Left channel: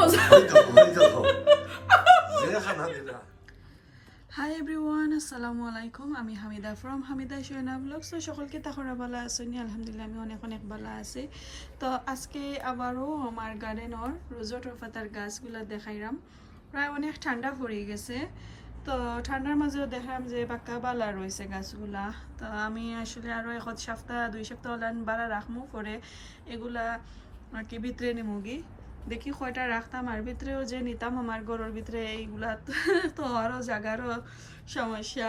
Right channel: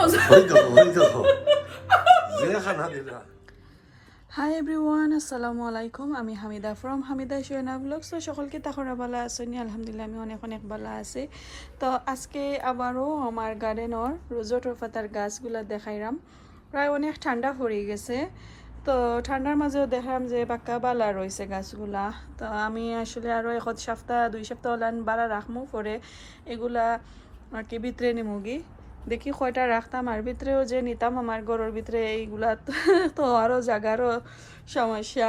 মজা। Hi everyone, আসসালামু আলাইকুম। আমি হামিদা ফ্রম হামিদা শোনা ব্লগ। সো সকলকে তাহরা ভালো আসনি? আলহামদুলিল্লাহ আমি অনেক অনেক ভালো আছি। তো আজকে আবারও আমার গার্ডেনের রোজেটর পাতার গাছগুলা দেখাইলাম। প্রায় অনেক ঠান্ডা পড়ে গেছে, তো ঠান্ডার মাঝেও দেখলাম যে পাক্কা বালা রয়েছে গাছগুলা। তো আমি আসলে আরও এক সপ্তাহ 2 সপ্তাহ হলান বালা রাখমু, পরে এগুলা আর কি ভিতরে নিমুগি। দেখি কয়টা রাখতাম, আর ভিতরেও যে নিতাম আমার ঘরের ভিতরে এইগুলা তো আরও জায়গারও সমস্যা।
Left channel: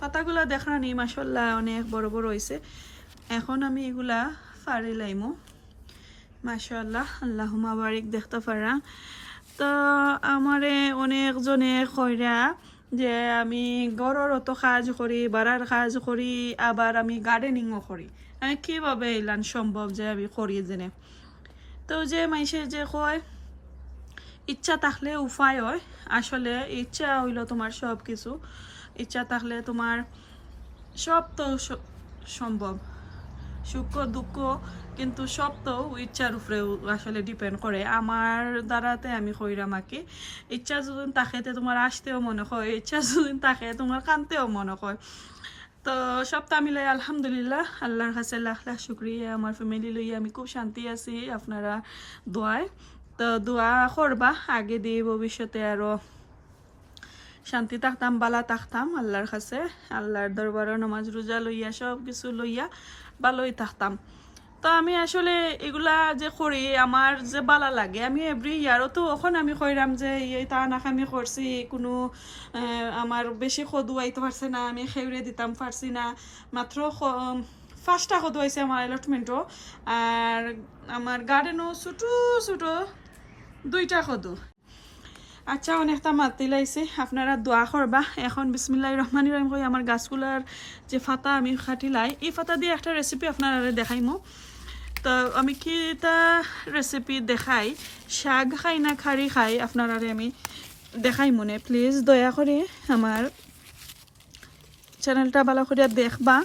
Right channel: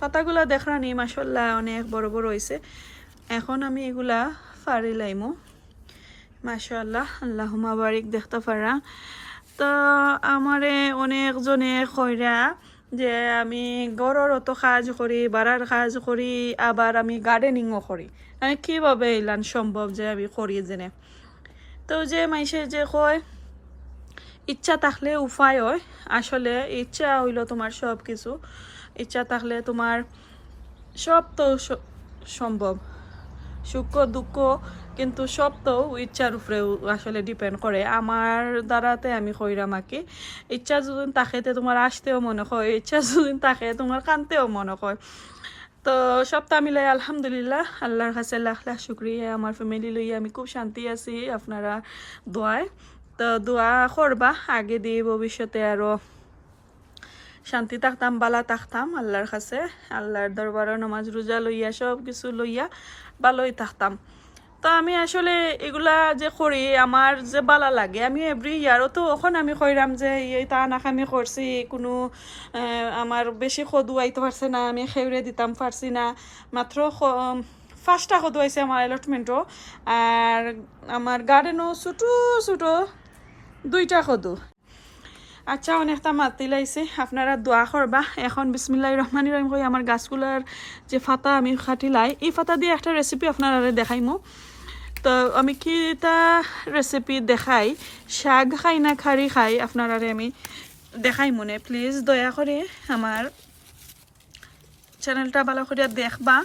পাতাগুলা দেখলাম মাশাআল্লাহ অনেক বড় বড় হয়েছে। এখন আমি এগুলা ফাড়ি লাইমো, মাশাআল্লাহ আল্লাহুম্মা বারিক দেখতে পারা। তো আমারে অনেকজনে কইরা যে আমি ঘরের অত কাজ করি, বাড়ার কাজ করি, আবার আমি গার্ডেনিংও করি, আমি কীভাবে এলান সম্ভব যে আমি করি জেনে। তো যে মাইসে যে কয় ইচ্ছা থাকলে উপায় হয়, আসলে ইচ্ছা হইল তোমার সব কিছু, ইচ্ছা থাকলে তোমার সব তো সম্ভব, সুখ দুঃখ কিন্তু সব তো ইচ্ছার উপরে আসলে ডিপেন্ড করে। আমার দ্বারাতে আমি কইরাম আঁকি, ইচ্ছা যদি তাকে তোমার আসতেও মনে হয়, ইচ্ছা যদি তাকে তোমার কানতেও মনে হয়। তো সবটা মিলাই আলহামদুলিল্লাহ আল্লাহর কাছে লাখ লাখ শুক্রিয়া। আমার ফ্যামিলি লইয়া আমি খুব শান্তি আছি আপনারা দোয়ায়। তো দোয়া করবা আগে দিয়ে ভবিষ্যতে আরও শান্তি থাকতাম, বালা থাকতাম আল্লাহর কাছে, আল্লাহর দরবারও নমাজ রোজা লইয়া সব কিছু লইয়া ভালোই থাকতাম। তো আমি আসলে এগুলা যে করি আমার যে বালা লাগে, আমি এভরি ইয়ারও তো ওখানে আমি কইরাম যে এই তা নাকামি করছি, কোনো আমার বেশি খদু আইতে পারছে না, আমি খেউরে দিতাম পারছি না, মাত্র 5টা খদু আইছে আমার অ্যালটমেন্টও, আর আমার গার্ডেনও ছোটো ছোটো 2টা খদু। আচ্ছা অনেকটা মাতি লাইছে, আপনারা দোয়া করবা। এখন বিসমিল্লাহির রহমানির রহিম কই আমার গাছগুলার যে ফাতা আমি খাটি লাই, এই ফাতা দিয়ে একটা রেসিপি আপনারা দেখাইমু। তো আমি কি এটা রেসিপি দেখাই, শাক খাই না খারি খাই আপনারা আমি দেখাই মনে, প্লিজ দয়া করে আমার চ্যানেলটা ভালো করে দেখবা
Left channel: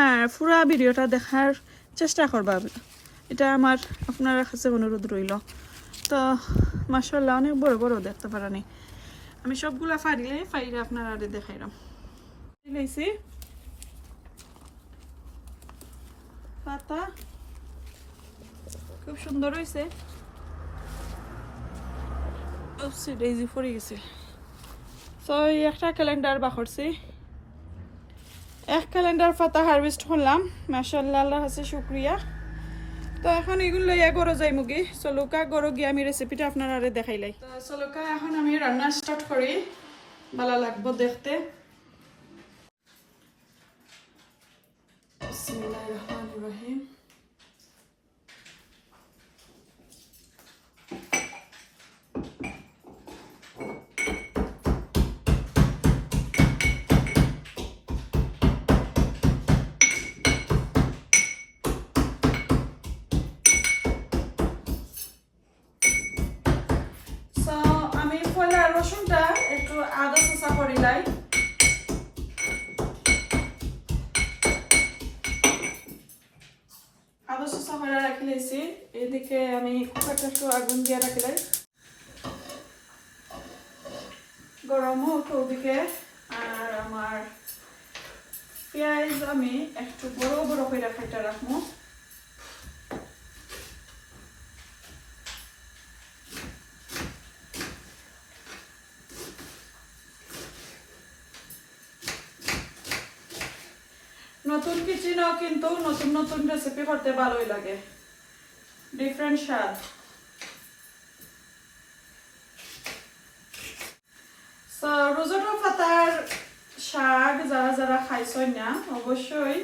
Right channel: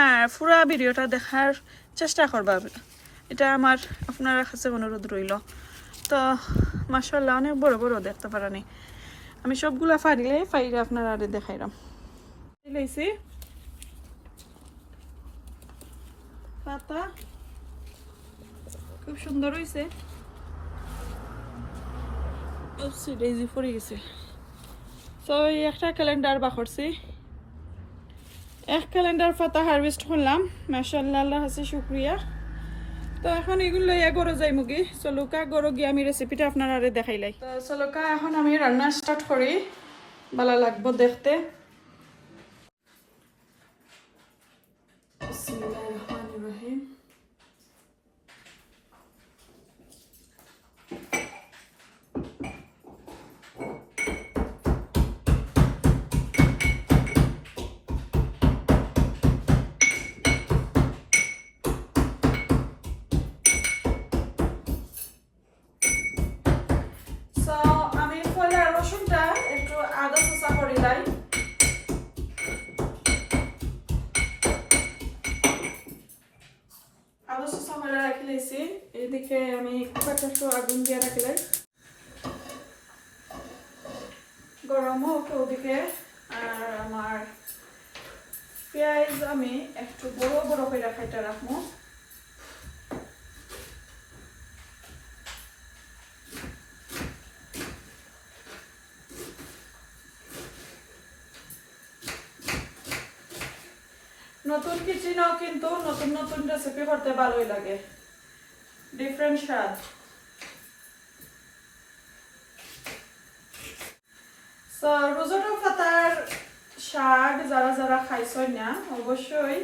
আর পুরা ভিডিওটা দেখার চেষ্টা করবা, এটা আমার আপনার কাছে অনুরোধ রইল। তো মাশাআল্লাহ অনেক বড় বড় দেখতে পারানি, আমি সবগুলা ফাইলে আপনারা দেখাইলাম। লাইছি পাতা খুব সুন্দর হয়েছে, ডেইজি পড়ে গেছে। তো এই একটা ক্যালেন্ডার বাখরছি, এক ক্যালেন্ডার পাতা হারভেস্ট করলাম, মাশাআল্লাহ আল্লাহর কাছে শুকরিয়া। তো এখন এগুলো লইয়া গরো যাই মুগি, চলুকা গরো গিয়ে আমি রেসিপিটা আপনারা দেখাইলাই। তো চলুকা এখন আমি রান্না স্টার্ট করি, ভালো লাগবো দেখতে। বিসমিল্লাহির রহমানির রহিম। আমি পয়লা রসুনটা একটু আদা চোষা করিলাই, আদা চোষা করে রাখি লাইছি। এদিকে আমি কুকারটা একটু আগুন দিয়ে রাখিলাই, গরমও একটু ওদিকে। আর আমার পেঁয়াজ আমি একটু বড় বড় করে খাইটা রাখবো। নতুন কিচেনও কিন্তু নতুন নতুন রেসিপি করতে ভালোই লাগে, ডিফারেন্ট স্বাদ। সো রোজেটো পাতার শাক যারা যারা খাইছই না অবশ্যই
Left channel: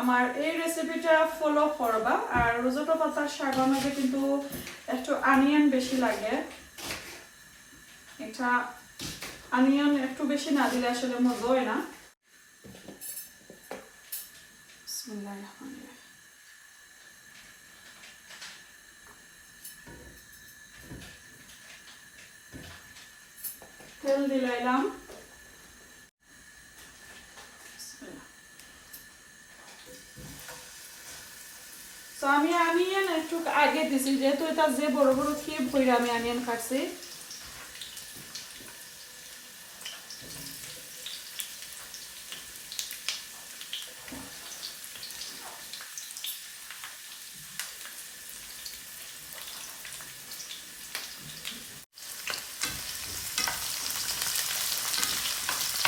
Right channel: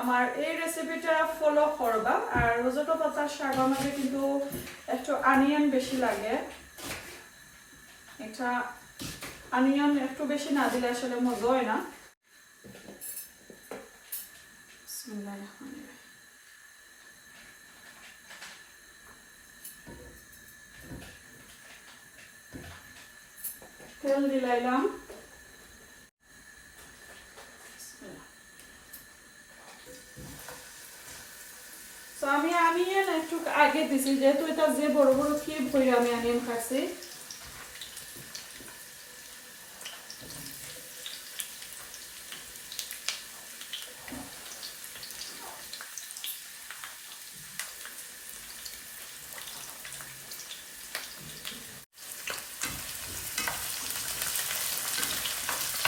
আমার এই রেসিপিটা ফলো করবা। আর রোজেটো পাতার শাকের মধ্যে কিন্তু একটু অনিয়ন বেশি লাগে, এটা অনিয়ন একটু বেশি না দিলে আসলে মজা হয় না। বিসমিল্লাহির রহমানির রহিম। তেল দিলাইলাম, তো আমি আনিয়ন একটু আগে দিছি যেহেতু এটা যে বড় বড় কিউব হইরা আমি আনিয়ন কাটছি।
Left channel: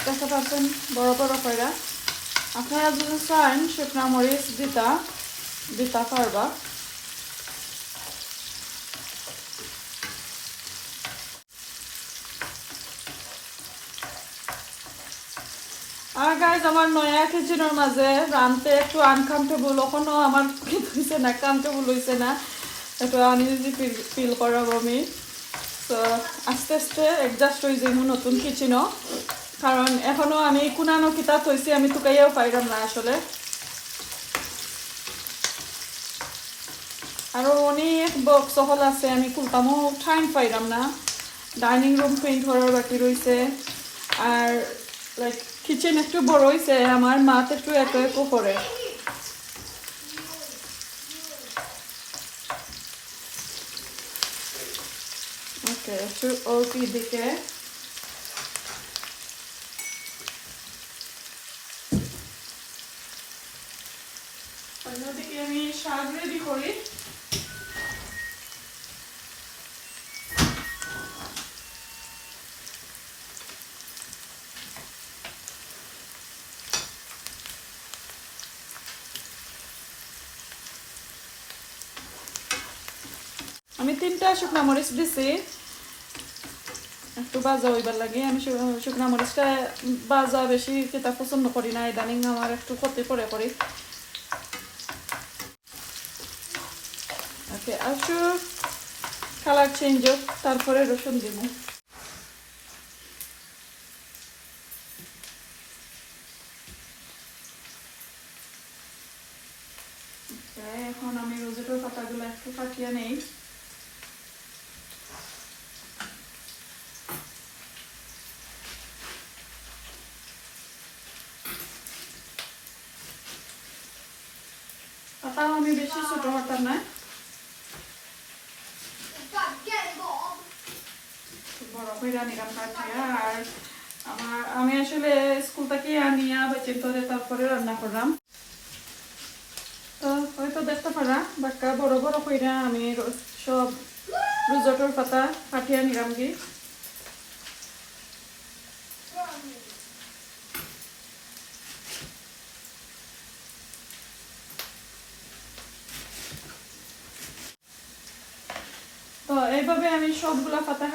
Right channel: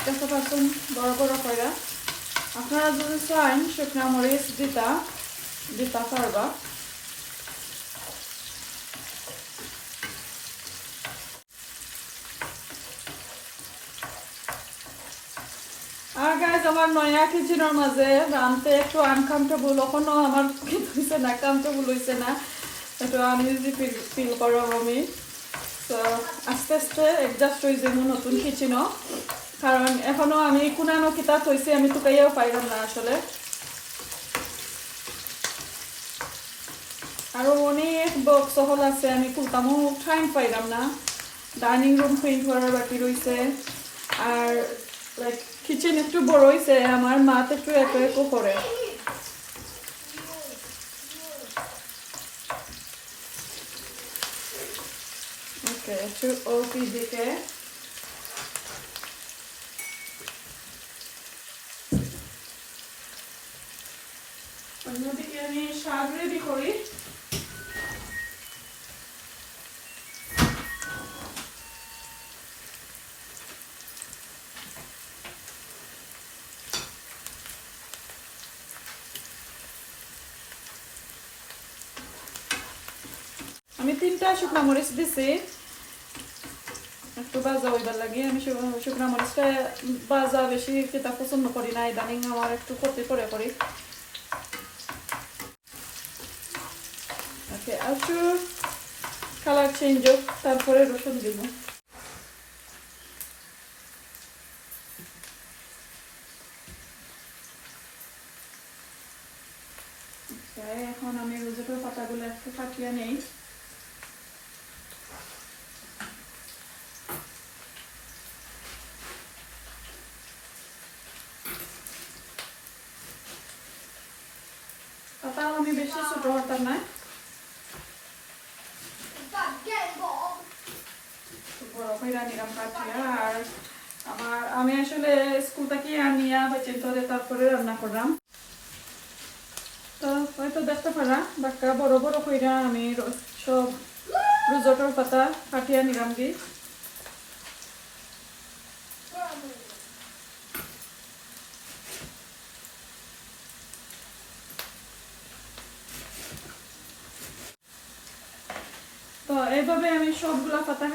দেখতে পাচ্ছেন বড় বড় কইরা। আপনারা যদি চান শুকনা মরিচ দিতা পারবা। আর গাইজ আমার নয়া কিচেনের মাঝে রানতে একটু আনকমফর্টেবল, এখনো আমার হয়েছে না, কমফর্টেবল হয়েছে না, একটু আনইজি ফিল করব আমি। তো আস্তে আস্তে অ্যাডজাস্ট হয়ে যাবো নতুন কিচেনও, কারণ এখনো আমি কোনানো কিতাব হয়েছি আমি টুকাইয়াও পাইলাম না আসলে। আরও অনেক বক্স হল আছে আমি খুলতামও টাইম পাইলাম না। ডাইনিং রুম পেইন্ট করার বাকি রয়েছে, আর লাইক কিচেন একটু বড় হয়েছে, আমার মাত একটু একো করে। ওকে, একটু ওপি দিকে অন্যদিকে আমি শাক রেডি করি। আমি 3টা শুকনা মরিচ দিছি একটু ভাজা হইবার লাগে। আমি শুকনা মরিচটা ভাজা বেশি খেতে পছন্দ করি না, ইদানিং আমার একটু ক্ষতি করি। ওকে, আর একটু কালার চেঞ্জ হোক, তারপরে রসুন দিব। এখন আমি রোজেটের পাতাগুলো একটু কাটিয়ে নেই। পাতাও আমি বেশি ছোট হতাম না, বড় কইরা নিলাম কাটিয়া। আর আমি আসলে স্কুল থেকে আনিয়া বাচ্চা ধরে তারপরে রান্না করলাম। তো হয়তো দেখতে পারা বাক্কা বড় বড় কইরা আমি সব রোজটের পাতা কাটিয়া নিলাম কি। তো এইভাবে আমি সবগুলা পাতা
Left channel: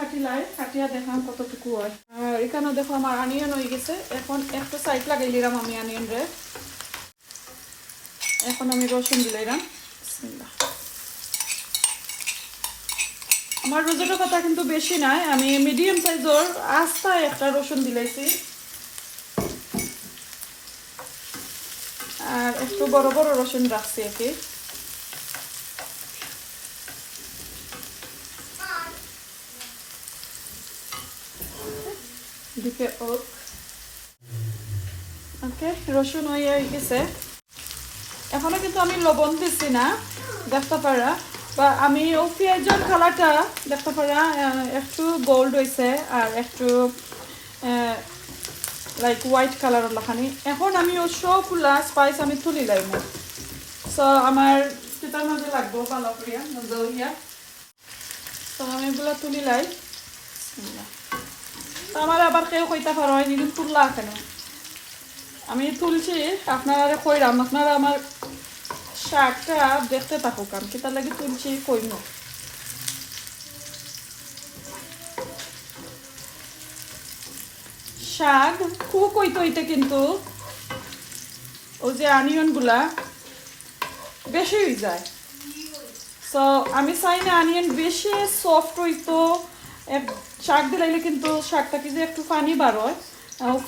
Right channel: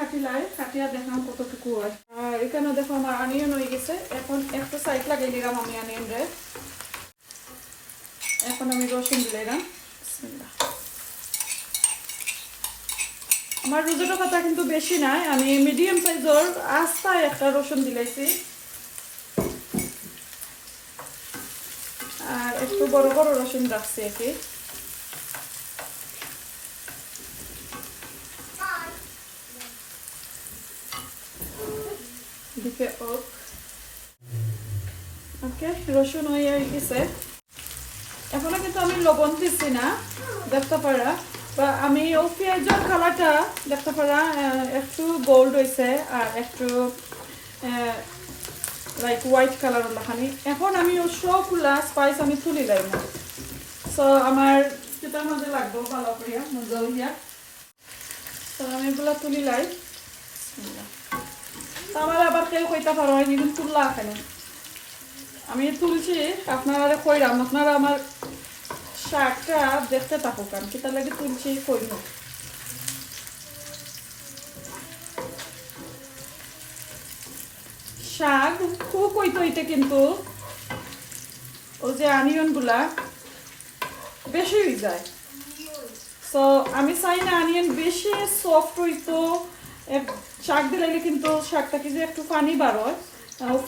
কাটিয়া দেখলাম কতটুকু হয়। আর এখানে দেখো আমার আনিয়ন হয়ে গেছে। এখন একটা সাইড লাগাই দিলাম আমি আনিয়ন রে। এখন আমি রসুন দিলাম। আমার রোজেটের পাতা কিন্তু বেশি নাই, আমি মিডিয়াম সাইজের আস্তা একটা রসুন দিলাইছি। আর একটু বড় বড় রসুন রাখছি আর কি। দিকে ওকে, রসুন হয়ে গেছে। এখনো কিন্তু আমি লবণ দিচ্ছি না, দেখতে পারা, বা আমি ও পেঁয়াজের কালারটা দেখতে পারা একটু গোল্ড হয়েছে আর একটু লাইক হোয়াইট কালার লাখানি। এখন আমি ও সবগুলা স্পাইস আমি তুলি লাইব, সো আমার সেটার মধ্যে লাগবো ভালো করিয়া মজা হইয়া। তো আমি এগুলো তুলি লাই। তো আমার আবার কেউ কইতে পারো নিদিন তুললা কেন, আমি তুলছি আপনারা কইরাম, আপনারা আমার শাকটা দেখতে থাকুক আমি কি তার লাগে তুলছি কইম। শাক খুব হইতে হইতে কিন্তু ওই যে অনিয়ন গুলা বেশি হয়ে যায়। সো আমি চাই না অনিয়ন বেশি সফট হইতো, শাক দিলাইলে কিন্তু শাকটা কি যে একটু পানি বার হয়,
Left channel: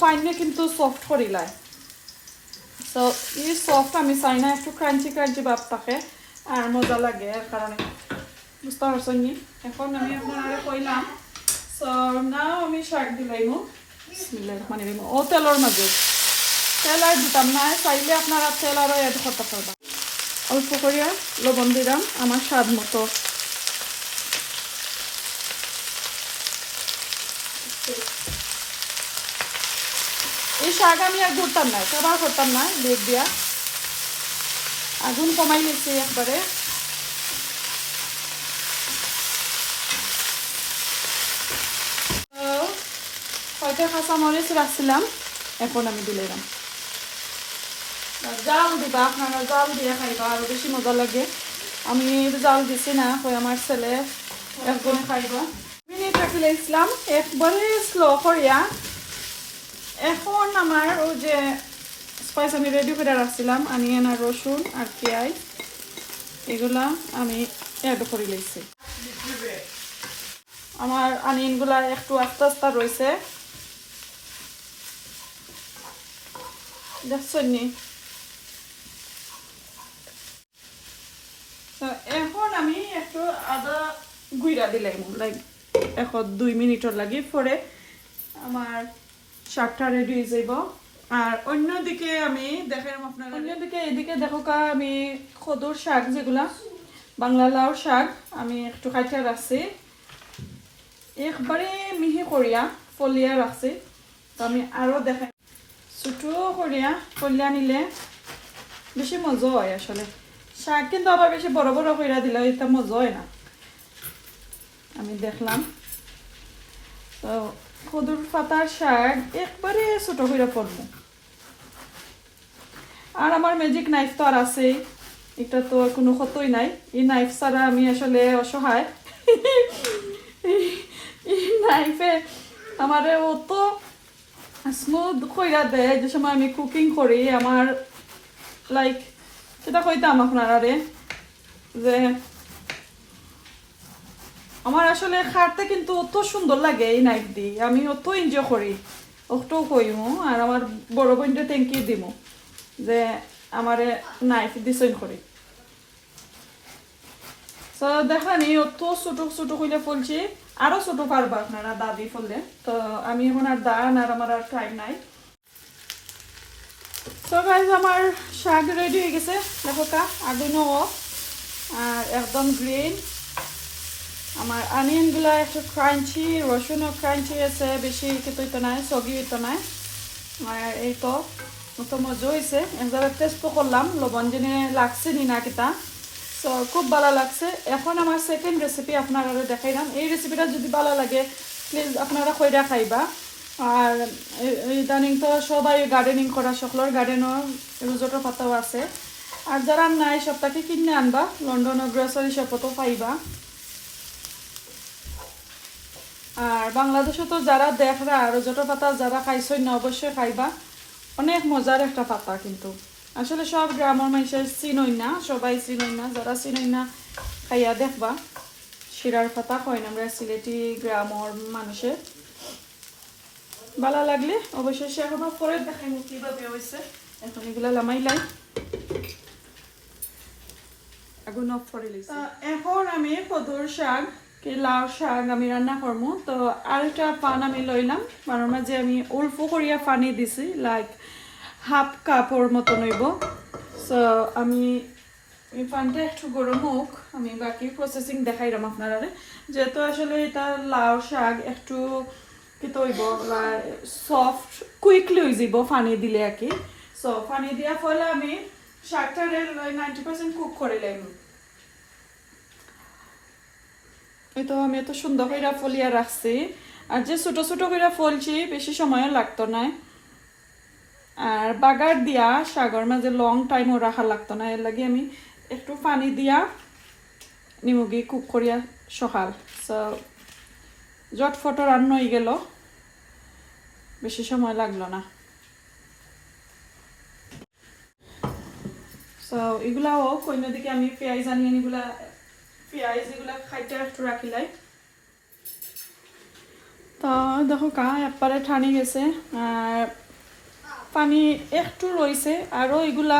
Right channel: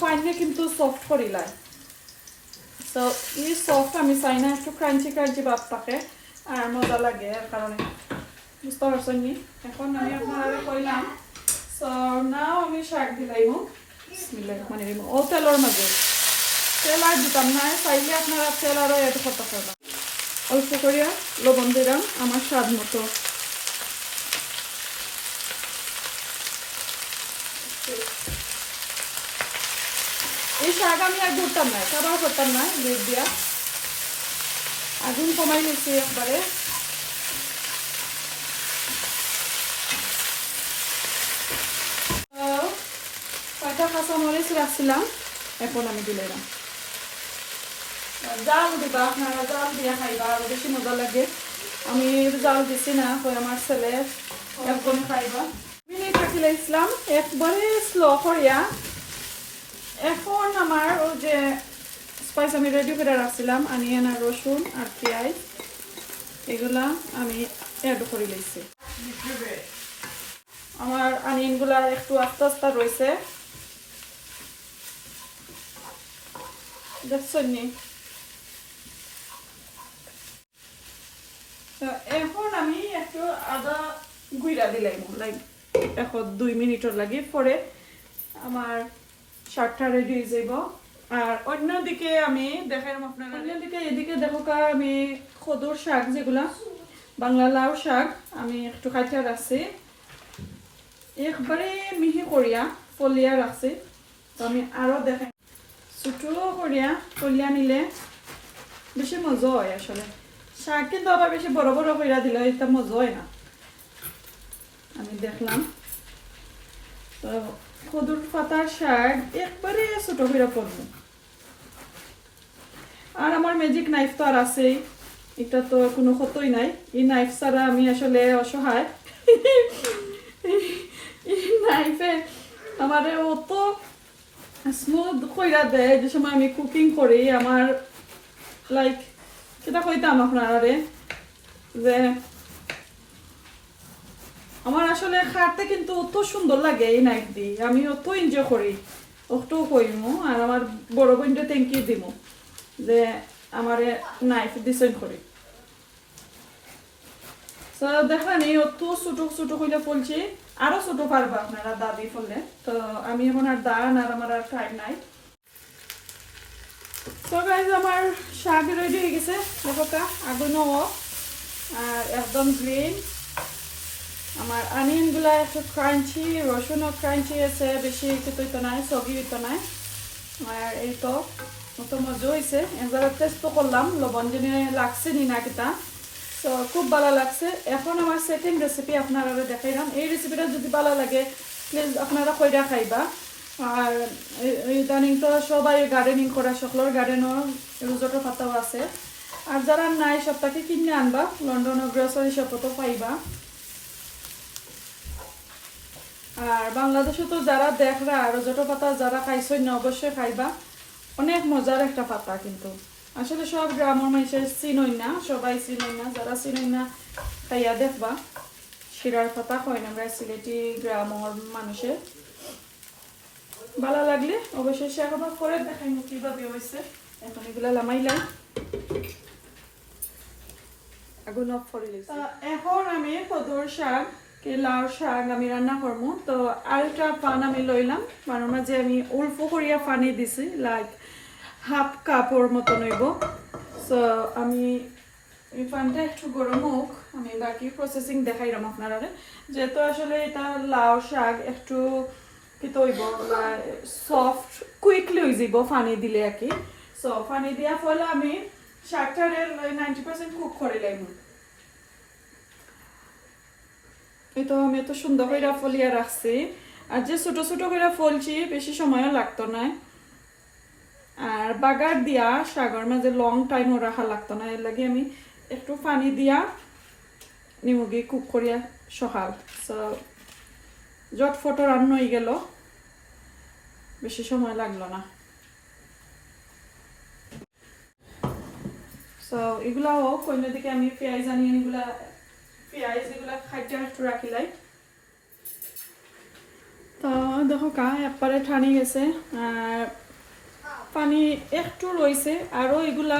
ফাইনে কিন্তু সফট করিলায়। তো এই সফট আমি চাই না, একটু ক্রাঞ্চি ভাব থাকে আর মজা লাগে, এর কারণে বুঝতে পারছেন নি। এখন আমি আপনারা কইলাম, সো নাও আমি শাক দিলাইম মানে ও তেলের মাঝে। তেল আর দিতাম না, চাইলে আপনারা তেল আরও এড করতে পারবেন। অল্প করিয়া লবণ দিলাম আমার স্বাদ মতো। এই শাক আমি আর ঘুরতাম না, ব্যবহার করতাম না দুধ দিয়া, আগুন কমাই নিচ্ছি একবারে। কয়টা কাঁচামরিচ রাখছিলাম, এখন আমি দিলাম। জাল দিবা, আপনারা জাল দিয়ে খাইবা, আরো বেশি মজা লাগে। আমি জাল দিছি না, তো আমার ছেলে একদম খাইবা। মিনিট রাখিলে ইসলাম একবারে স্লো করিয়া। এখন আমার ওই যে স্পাইস আমি রেডি করে রাখছিলাম, অনিয়ন আর রসুন আর পেঁয়াজ, এগুলা আমি অ্যাড করে লইছি। আমার অনিয়নগুলা একটু আস্তে আস্তে রয়েছে, দেখছেন নি? এখন আমি একটু আদা গুইরা দিলাম, লাইক এখন 2 মিনিটর লাগি, পরে আমার শাকটা রেডি হয়ে যাব। আর অন্যদিকে আমি দেখাম আপনার, অন্যদিকে এদিকে দেখো আমি খদুর শাক, যেগুলা বাংলা লাউ শাক, আমি একটু খাইতে রাখছি, একবারে মিহি করিয়া ফলিয়া রাখছি। তো আমি আরো দেখাই, ছোটো করিয়া ফলিয়া নিলে বেশি মজা হয় আসলে। শাক কিন্তু আবার বেশি বড় বড় কইরা দিলে এটা মজা হয় না। আমি দেখলাম তো খদুর পাতার শাক একবারে ছোট কইরা পড়বো। আর আমার ম্যাজিক নাইফ তো আর আছে, এটা তো কোনো ক্ষতই নাই। এই নাইফ ছাড়া আমি আসলে অসহায়। এই নাইফে আমার অত স্মুথ কইরা দেয় যে সময় আমি কুকিং করি। আমার লাইক সেটা কইতাম আপনারা যে আমার আসলে খাটতে কিন্তু অত সুন্দর লাগে এই নাইফ দিয়ে, আমি অত এনজয় করি, অতও কইমু। আর আমার বড় বোনটা থ্যাংক ইউ দিমু যে আমার নাইফ দিছেন করি। তো দেখেনি অত ছোট ছোট কইলে ফলছি, আরো ছোট পারবা আপনারা দাবি ফললে। তো আমি এখন আর দান আর আমার আর টাইম নাই। তো গাইজ আমার শাক রেডি হয়ে গেছে, দেখো আগুনও অফ আর একদম গ্রিন। আমার অনিয়নগুলো একটু ক্রাঞ্চি, রসুনও ক্রাঞ্চি আছে, বেশি কিন্তু তো নাই, সগি তো নাই। আর এই তো মতো মজা হয়েছে, একবার টেস্টও করলাম লবণ জিনে লাগছে নি না কিতা। তো খুব ভালো লাগছে। এখন আমার সেকেন্ড রেসিপি আপনারা দেখাইলাম। এই রেসিপিটা যদি ভালো লাগে প্লিজ আপনারা কইরা খাইবা। আর ইদানিং তো সবাই গার্ডেনিং করা, সকলের গার্ডেনও রোজোটো পাতাও আছে। আর যারা নাই সবটাকে কিনে আনবা, লন্ডনের গ্রোসারি শপও তো পাইবা। আর বাংলাদেশে তো যারা দেখরা রোজোটো পাতা যারা খাইছেন না অবশ্যই খাইবা, অনেক মজার একটা পাতা। কিন্তু আসলে সব গ্রামের মানুষের চিনই না, সবাই চিনই না। যারা চিনই না খাইয়া দেখবা, শিরার পাতা হয় না আমরা সিলেটি গ্রামের মানুষের। ভালো লাগলে অবশ্যই শেয়ার করবা। পরে দেখাই কিভাবে হয়েছে। এখন এগুলো লামাইলাম, আগুন অফ করে লইছি। এখন আমি কদর শাক, লাউ শাক আমি রান্না করবো। তো আরেকটা পান আমি লইলাম, মানের মাঝে আমি অল্প করিয়া পানি দিছি, লাইক হাফ কাপর মতো নইব। সো আমি এই পানটা একটু গরম হোক, আমি বাকি প্রসেসিং দেখাইলাম আপনারা। যেহেতু আসলে এটা লাউ শাক একটু কি তৈব সফট কুইকলি হয়ে যাব পানি দিলে আর কি। সো পানি দেওয়ার ফলে আমি শাকটা 90% কুক করে লাইব। এই তো আমি এত সুন্দর করে ফলিয়া রাখছি। আর যে ছোট ছোট করে ফলছি বেশি সময়ও লাগতো না। আর বাগার দিয়া শাকের মাঝে লং টাইমও রাখা লাগতো না, এর লাগে আমি একটু পানি দিয়া নিমুগি কুক করিয়া সকাল। সো জটফট রান্না হয়ে গেল, বেশি সময় লাগলো না। সো এগুলা হোক, অন্যদিকে আমি পেঁয়াজ আনিয়ে এগুলা খাইতে একটু রাখিলাই। তো দেখো একবারে ঠানি গেছে, আর পানি একটু রয়েছে, আরো এগুলা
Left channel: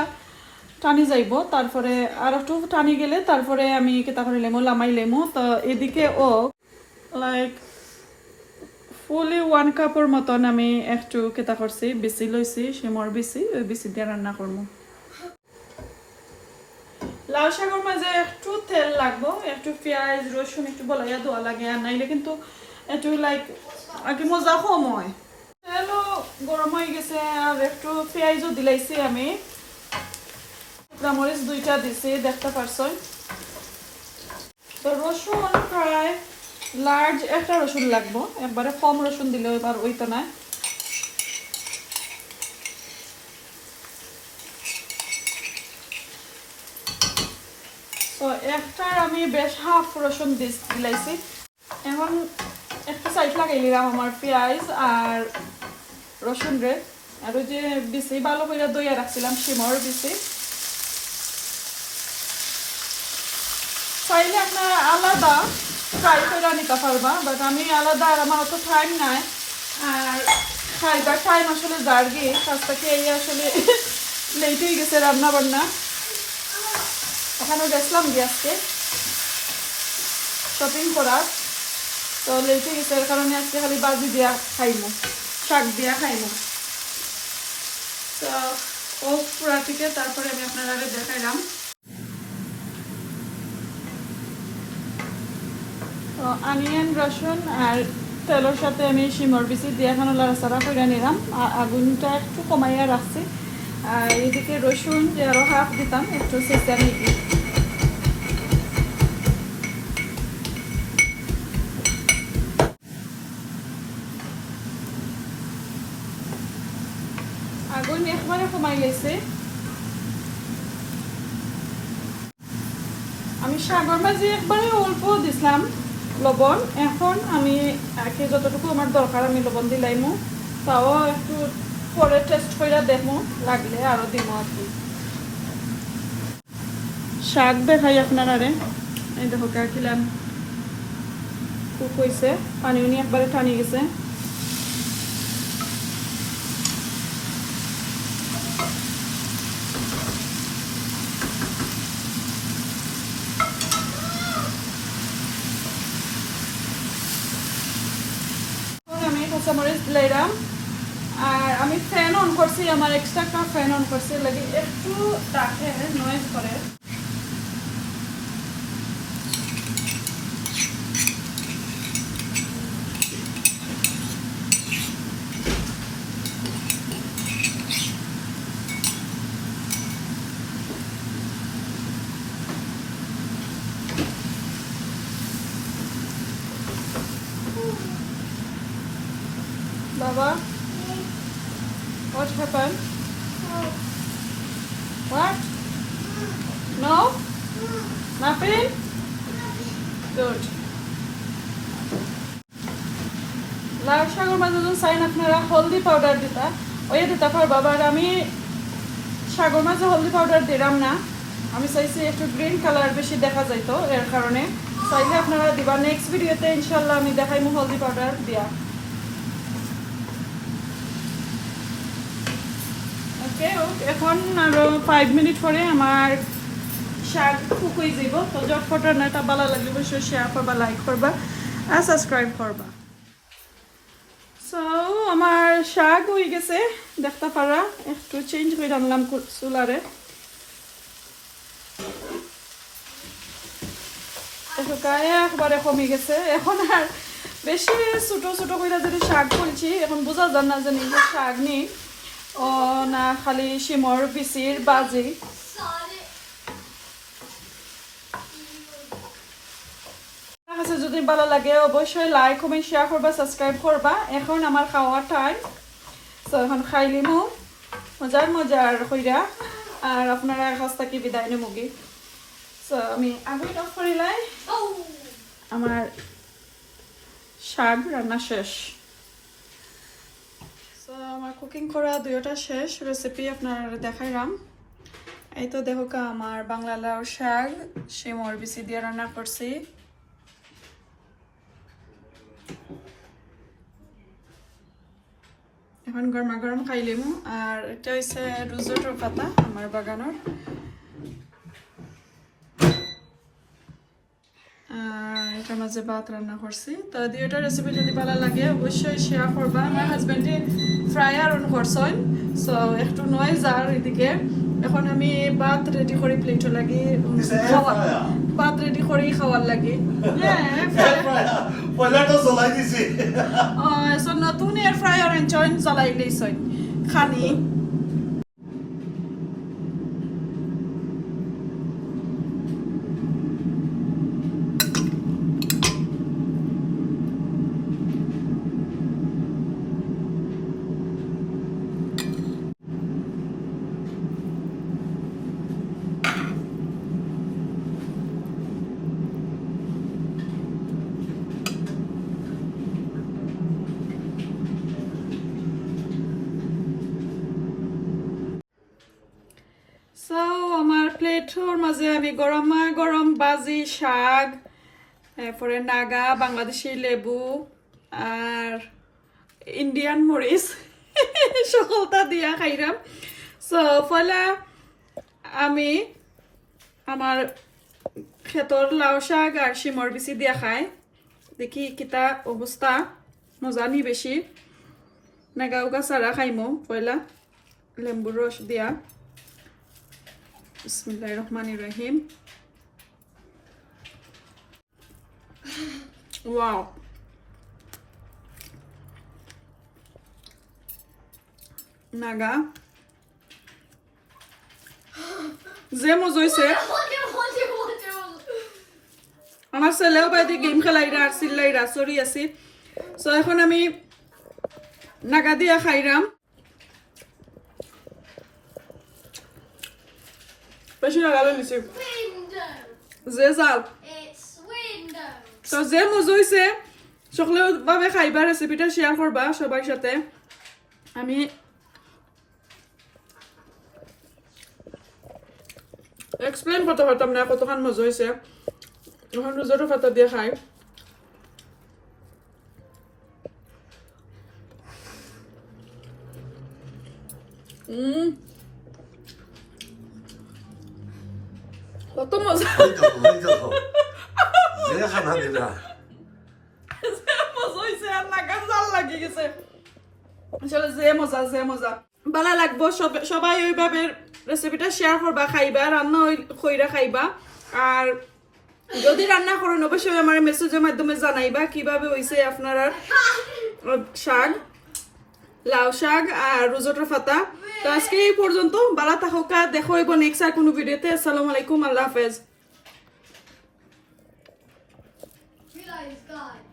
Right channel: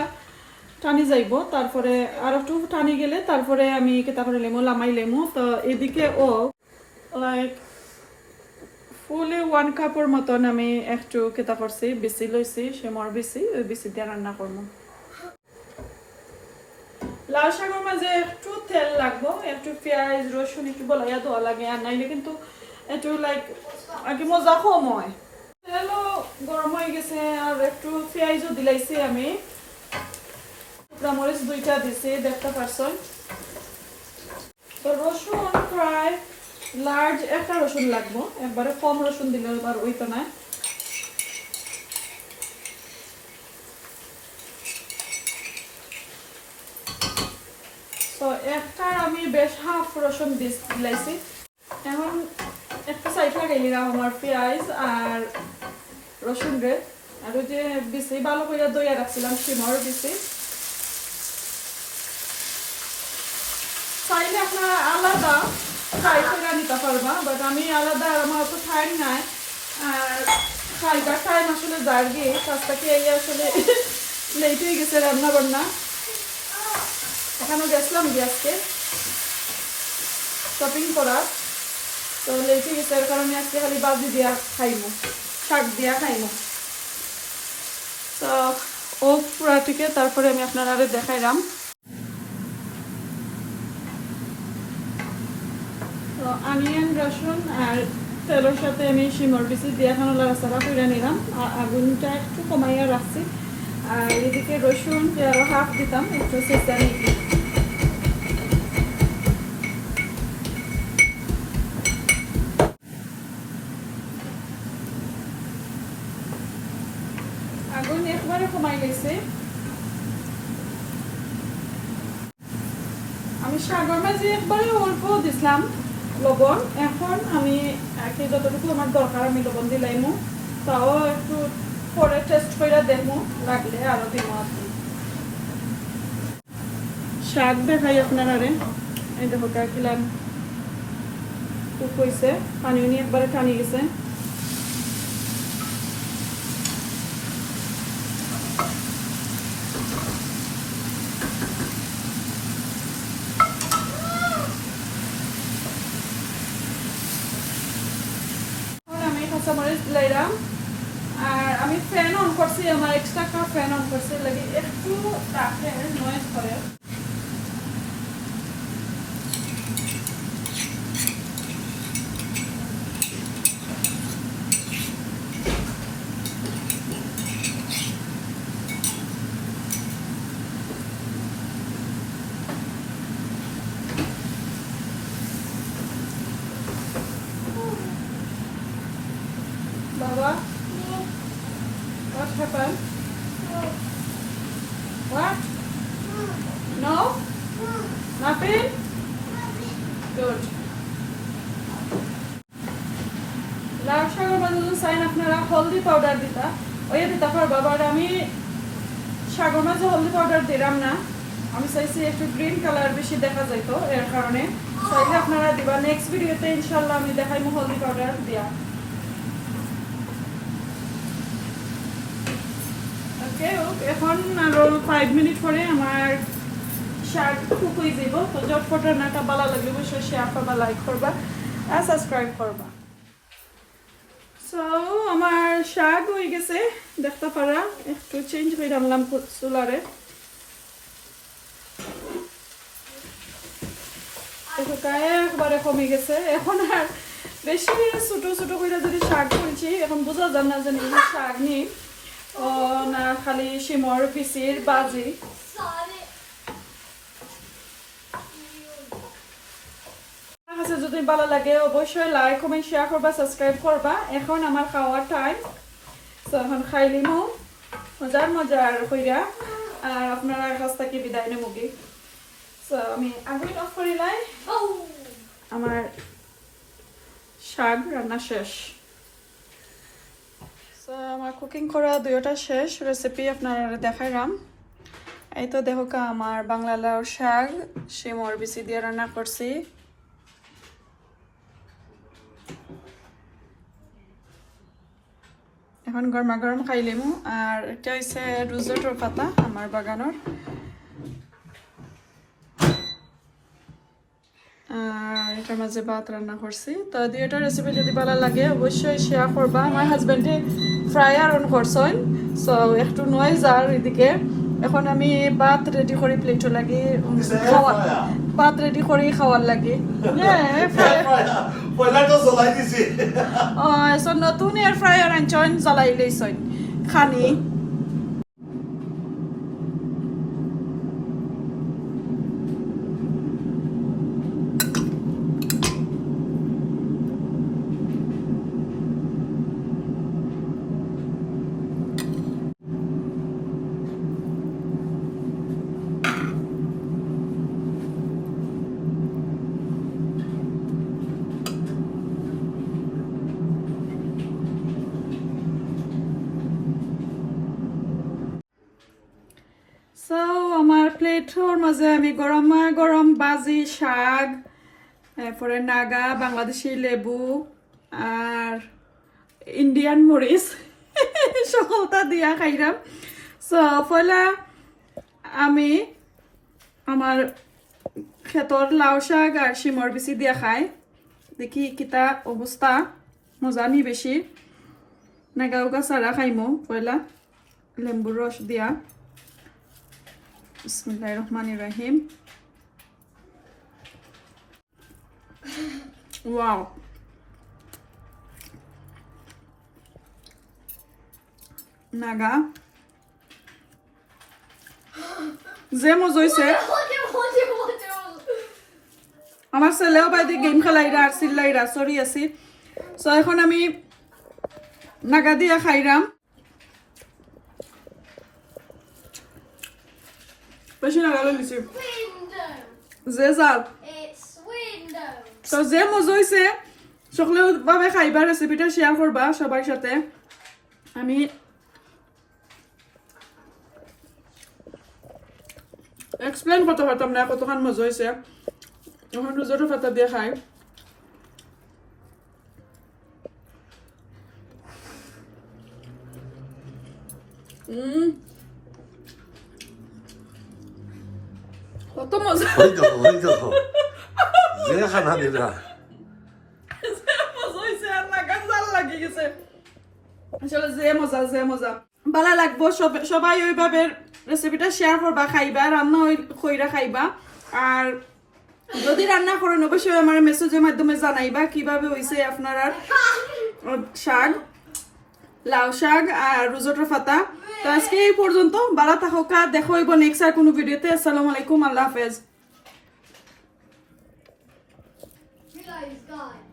টানি যাইব। তারপরে আর একটু টানি গেলে তারপরে আমি কেতা করে লেমো লামাই লেমো। তো এদিকে ও লাইক ফুলি 1 কাপের মতন আমি একটু কেতা করছি, বেশি লইছি, সেমর বেশি, ওই বেশি দিয়ে রান্না করবো। লাউ শাকের মাঝে একটু তেল লাগবো, একটু পেঁয়াজ রসুন একটু বলাইয়া দেওয়া লাগে, আর নাইলে কিন্তু একটু লাইক আগে মজা কম হয়। তেলও গরম হয়ে গেছে, আর একটু পেঁয়াজও দিলাইছি আমি, মরিচ 2টা দিছি দেখতে পারছই। তো রসুন প্রায় লার্জ একটা রসুন লাগবো, একবারে কম রসুন দিলে এবার ওইটা না। তো একটার আমি বেশ হাফ রসুন দিলাইছি। এখন একটা সাইড লাগাই নিলাম আমার পেঁয়াজ আর রসুন রে, আর ওই যে বিচি ভালো করে দইয়া রাখছিলাম শিমর বিচি। চাইলে আপনার আলাদা ফ্রাই করে নিতে পারবা, বাট আমি আলাদা, আর আমার অত টাইম নাই, আর ফ্রাইটার টাইম আসলে যার গিয়ে কাজটাকে এই আসলে লেট হয়ে গেছে রান্না বান্না। ওখানেও গেছিলাম গ্যাসকে শপিং করার, তো লেট হয়ে গেছে, এর কারণে আজকে খালি বাজি দিয়া খাইমু, শাক দিয়া খাইমু। তো ও পুরা থেকে তারপরে আমি আপনার আরো দেখাইলাম। তো অনিয়ন রসুন আর তেলের সাথে আমি শিমর বিচি দিয়ে এখন লাড়াচাড়া করে নিলাম, আগুনটা একটু কমাইয়া রাখছি। আর এদিকে রসুন যে আরো হাফ দিতাম একটু চেঁচা নিয়ে, আগুন একবারে কমাই লেছে। আমি শাকের মাঝে একবারে অল্প দিছিলাম লবণ, এখন আমি যতটুকু আমার দরকার আমি লবণ দিলাইমু, তাও একটু পরে টেস্ট করে দেখবো, লাগলে আরো দিব আর কি। শাক দেখাই আপনার আরে, এই দেখো কাকিলাম কুক হয়েছে, পানি নিয়ে একবারে টানি গেছে। আমি কাঁচামরিচ দিলাম, আর আমি ফ্যান অন করছি, আমার এক্সট্রা একটা ফ্যান অন করছি, লাগে একটু ডাকে নয়েজ করে। Baba, what happened? What? No? Nothing? Good. লাউ শাকের মাঝে যদি চাইন আপনারা হলদি পাউডার দিতা, ওই দিতে পারবা, বাট আমি শাকের মাঝে হলদি পাউডার দিলাম না, আমি চাইছি একটু গ্রিন কালার বেশি দেখা যাইতো, এর কারণে চাইলে আপনারা দিবা। নেক্সট ভিডিওতে ইনশাল্লাহ আমি দেখাইমু হলদি পাউডার দিয়া। এখন আরো 5 মিনিট পরে আমার শাক কুক হয়ে যাব। তো জটপট রান্নাটা ভালো লাগে অবশ্যই শেয়ার করবা, লাইক করবা আর সাবস্ক্রাইব করবা। সো আমার শাক হয়ে গেছে দেখতে পারা, একটু চেঞ্জ করে আনলাম চুলারে। দেখো গায়ে একবারে কমে গেছে, এখন আর বেশি ছোট ছোট করে যদি শাক বলছি, এখন বোঝা যান না জানি শাক নেই ও না খালি শিমর বিচির বাজি। যদি ভালো লাগে অবশ্যই লাইক কমেন্ট শেয়ার করবা, সাবস্ক্রাইব করবা। এখন আমার খাওয়ার টাইম, তো এখন খাইলিমু মজার কইরা, আর আপনারা কাছ থেকে বিদায় নেমুগি। তো আমি আগুন অফ করিলাই, আমার শাক রান্না শেষ। তো আমার কুকিং করা দুইটা শেষ, রেসিপি আপনারা দেখাইলাম। এই তো দেখো আমার বাংলা লাউ শাক শিমর বিচি দিয়ে রান্না করছি। এখন গরমা গরম খাইলেমু। আর এটা হচ্ছে রোজেটোর পাতা আমার বাগানোর, আর এটার মাঝে ভাত রান্না করছি। তো দুইটা রেসিপি যদি ভালো লাগে অবশ্যই শেয়ার করবা। আমার হাজবেন্ডে ফ্রাই আর অন করছেন, সো একটু নয়েজ আর এদিকে এখন আমি ভাত রেডি করে প্লেটও লাগে It's an air খাওয়া fryer. ভাত রেডি করে খাওয়ার লাগে Air fryer. Wala to so like this. so নতুন এয়ার ফ্রায়ার আনছন জ্বালাই লইছন খানি So, আমার প্লেটর মাঝে আমি গরমা গরম বাজি শাক এরপরে নাগা বাংলাদেশি লেবু আর ইন্ডিয়ান মরিচ সকলটা দিয়া খাইলাম সো ফলা আমি আমার ক্ষেতর লাউ শাক আর শিমর বিচি দিয়া খাই দেখি কিতা অবস্থা মজানি বেশি নাগা উগা সারা খাইমো পয়লা লেম্বুর রস দিয়া Bismillahirrahmanirrahim. Wow. Naga. যে মজা হইছে আমার ছেলেও বাইরে গেম খেলাইরা আর চিল্লাইরা সরি আছি সো এখন আমি নাগা দিয়া খাইরাম বেশি লাগালো নিছি যে জাল তো যে মজা হইছে সকলেও ভাবে খাইবা রেসিপিটা শেয়ার করবা সবার সাথে আমি এক্সপ্লেন করতে পারতাম না কতক্ষণ মজা হয়েছে এখন রোজটো ফাটা দিয়ে খাই কত মজা যে খানা দিলা মজা হয়েছে আর নাগা জাল লাগে গেছে আসলে যে মজা ভালো লাগবো সবাই ওইভাবে রেসিপিটা শেয়ার করবা খাইবা রান্না কইরা খাইবা আর যদি রান্না করেন অবশ্যই আমার মেসেজের মাধ্যমে জানাইবা কিভাবে হইছে আপনারা শাক লাউ শাক আর রোজটো ফাতা তো আজকে এই পর্যন্ত ভালো থাকা দেখো হইব নেক্সট আর কোনো ভিডিওতে আসসালামু আলাইকুম আল্লাহ হাফেজ Realize, God.